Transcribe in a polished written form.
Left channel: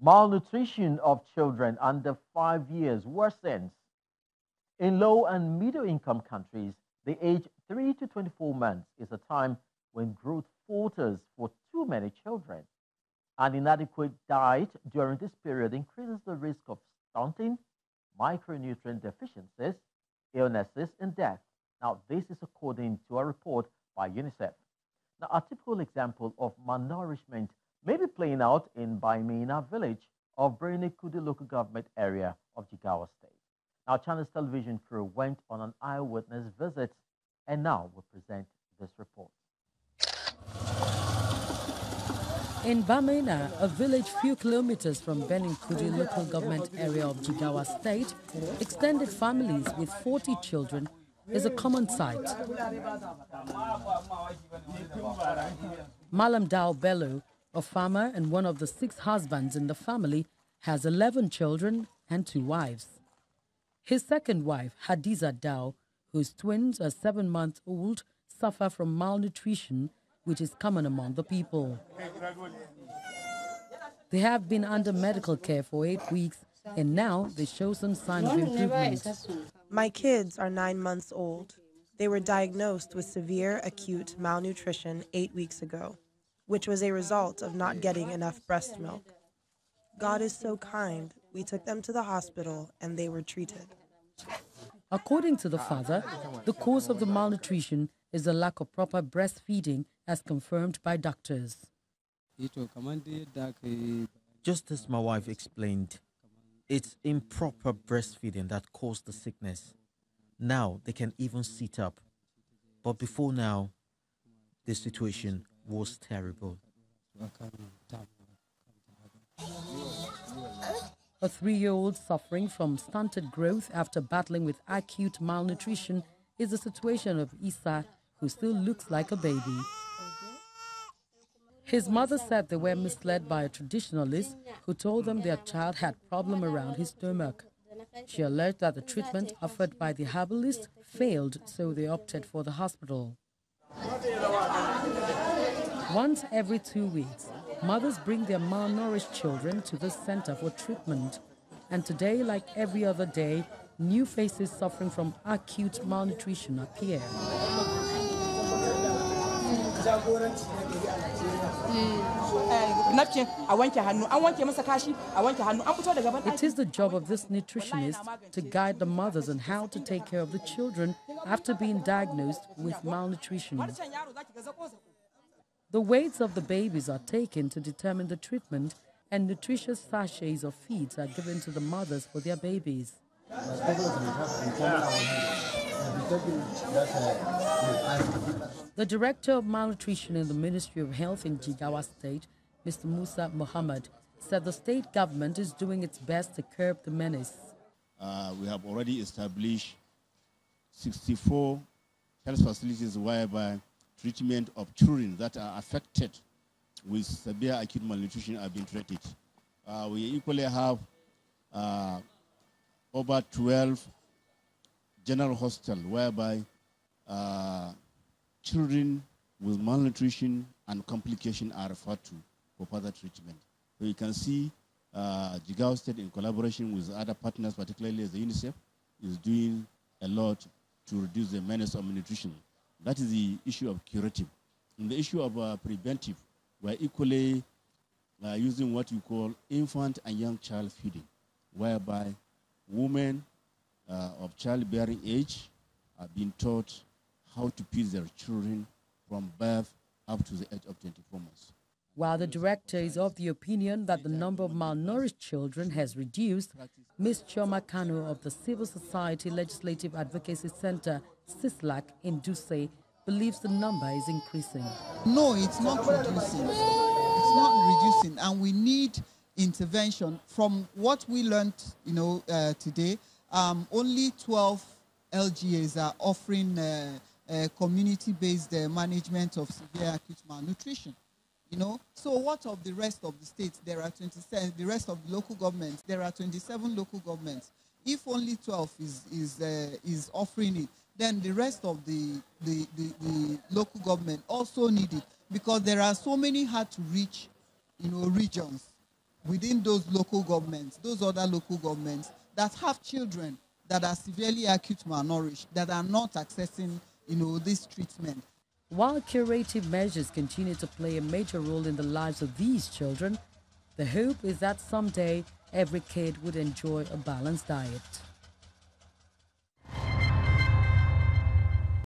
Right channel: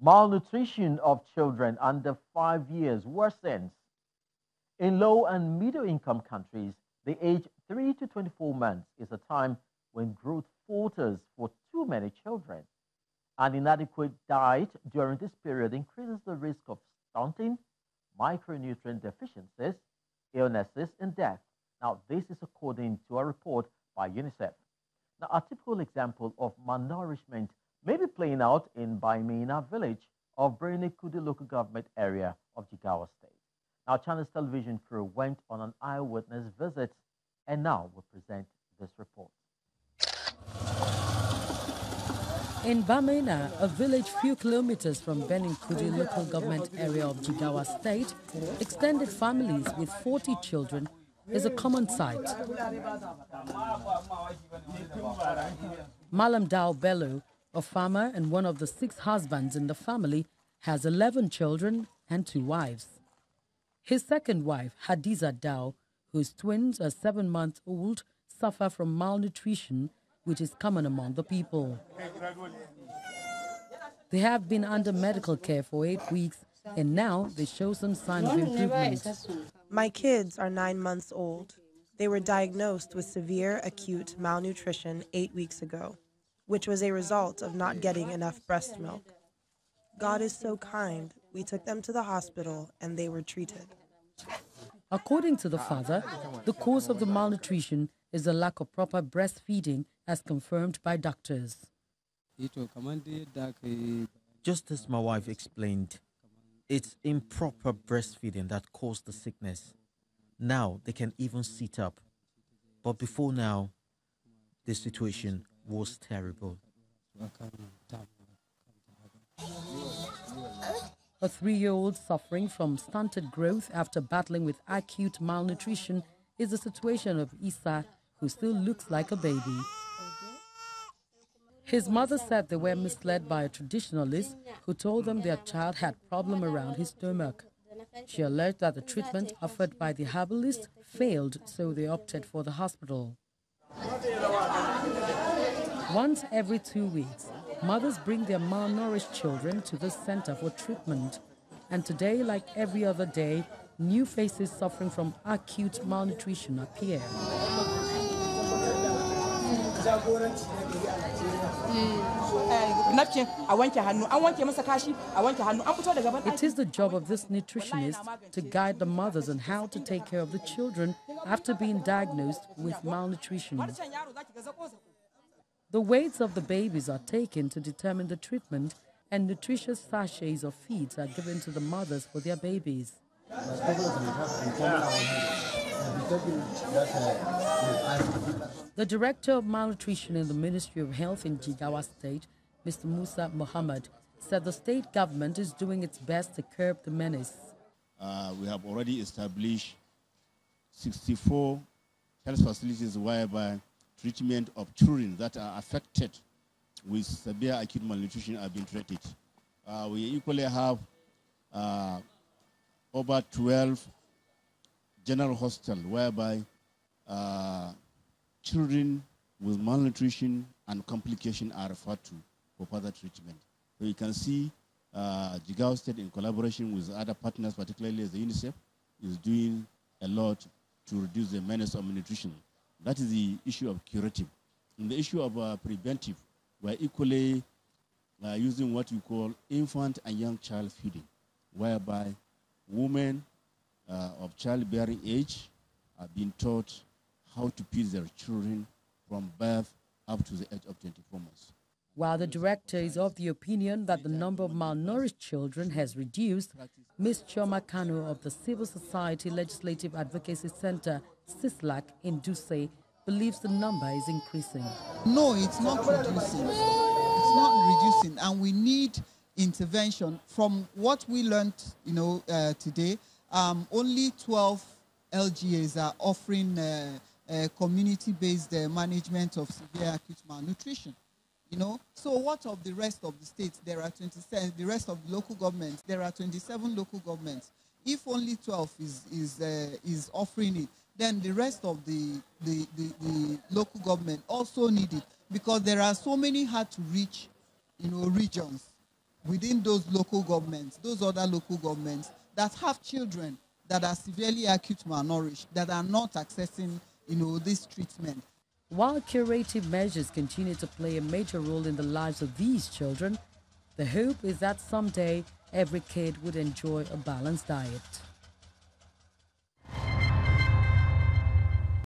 Malnutrition of children under 5 years worsens. In low and middle income countries, the age 3 to 24 months is a time when growth falters for too many children. An inadequate diet during this period increases the risk of stunting, micronutrient deficiencies, illnesses, and death. Now, this is according to a report by UNICEF. Now, a typical example of malnourishment may be playing out in Baimina village of Brene Kudi local government area of Jigawa state. Now, Channels television crew went on an eyewitness visit and now will present this report. In Bamena, a village few kilometers from Kudi local government area of Jigawa state, extended families with 40 children is a common sight. Malam Dao Bello, a farmer and one of the 6 husbands in the family, has 11 children and 2 wives. His second wife, Hadiza Dao, whose twins are 7-month-old, suffer from malnutrition, which is common among the people. They have been under medical care for 8 weeks, and now they show some signs of improvement. My kids are 9 months old. They were diagnosed with severe acute malnutrition 8 weeks ago, which was a result of not getting enough breast milk. God is so kind. We took them to the hospital and they were treated. According to the father, the cause of the malnutrition is a lack of proper breastfeeding, as confirmed by doctors. Just as my wife explained, it's improper breastfeeding that caused the sickness. Now they can even sit up. But before now, the situation was terrible. A 3-year-old suffering from stunted growth after battling with acute malnutrition is the situation of Isa, who still looks like a baby. His mother said they were misled by a traditionalist who told them their child had a problem around his stomach. She alleged that the treatment offered by the herbalist failed, so they opted for the hospital. Once every 2 weeks, mothers bring their malnourished children to the center for treatment. And today, like every other day, new faces suffering from acute malnutrition appear. It is the job of this nutritionist to guide the mothers on how to take care of the children after being diagnosed with malnutrition. The weights of the babies are taken to determine the treatment, and nutritious sachets of feeds are given to the mothers for their babies. The director of malnutrition in the Ministry of Health in Jigawa State, Mr. Musa Mohammed, said the state government is doing its best to curb the menace. We have already established 64 health facilities whereby treatment of children that are affected with severe acute malnutrition are being treated. We equally have over 12 general hospitals whereby children with malnutrition and complication are referred to for further treatment. So you can see Jigawa State, in collaboration with other partners, particularly the UNICEF, is doing a lot to reduce the menace of malnutrition. That is the issue of curative. In the issue of preventive, we're equally using what we call infant and young child feeding, whereby women of childbearing age are being taught how to feed their children from birth up to the age of 24 months. While the director is of the opinion that the number of malnourished children has reduced, Ms. Chioma Kanu of the Civil Society Legislative Advocacy Center, CISLAC, in Duse, believes the number is increasing. No, it's not reducing. It's not reducing, and we need intervention. From what we learned, today, only 12 LGAs are offering community-based management of severe acute malnutrition. So what of the rest of the states? There are 27. The rest of the local governments, there are 27 local governments. If only 12 is offering it, then the rest of the local government also need it, because there are so many hard to reach, regions within those local governments, those other local governments that have children that are severely acute malnourished, that are not accessing, this treatment. While curative measures continue to play a major role in the lives of these children, the hope is that someday every kid would enjoy a balanced diet.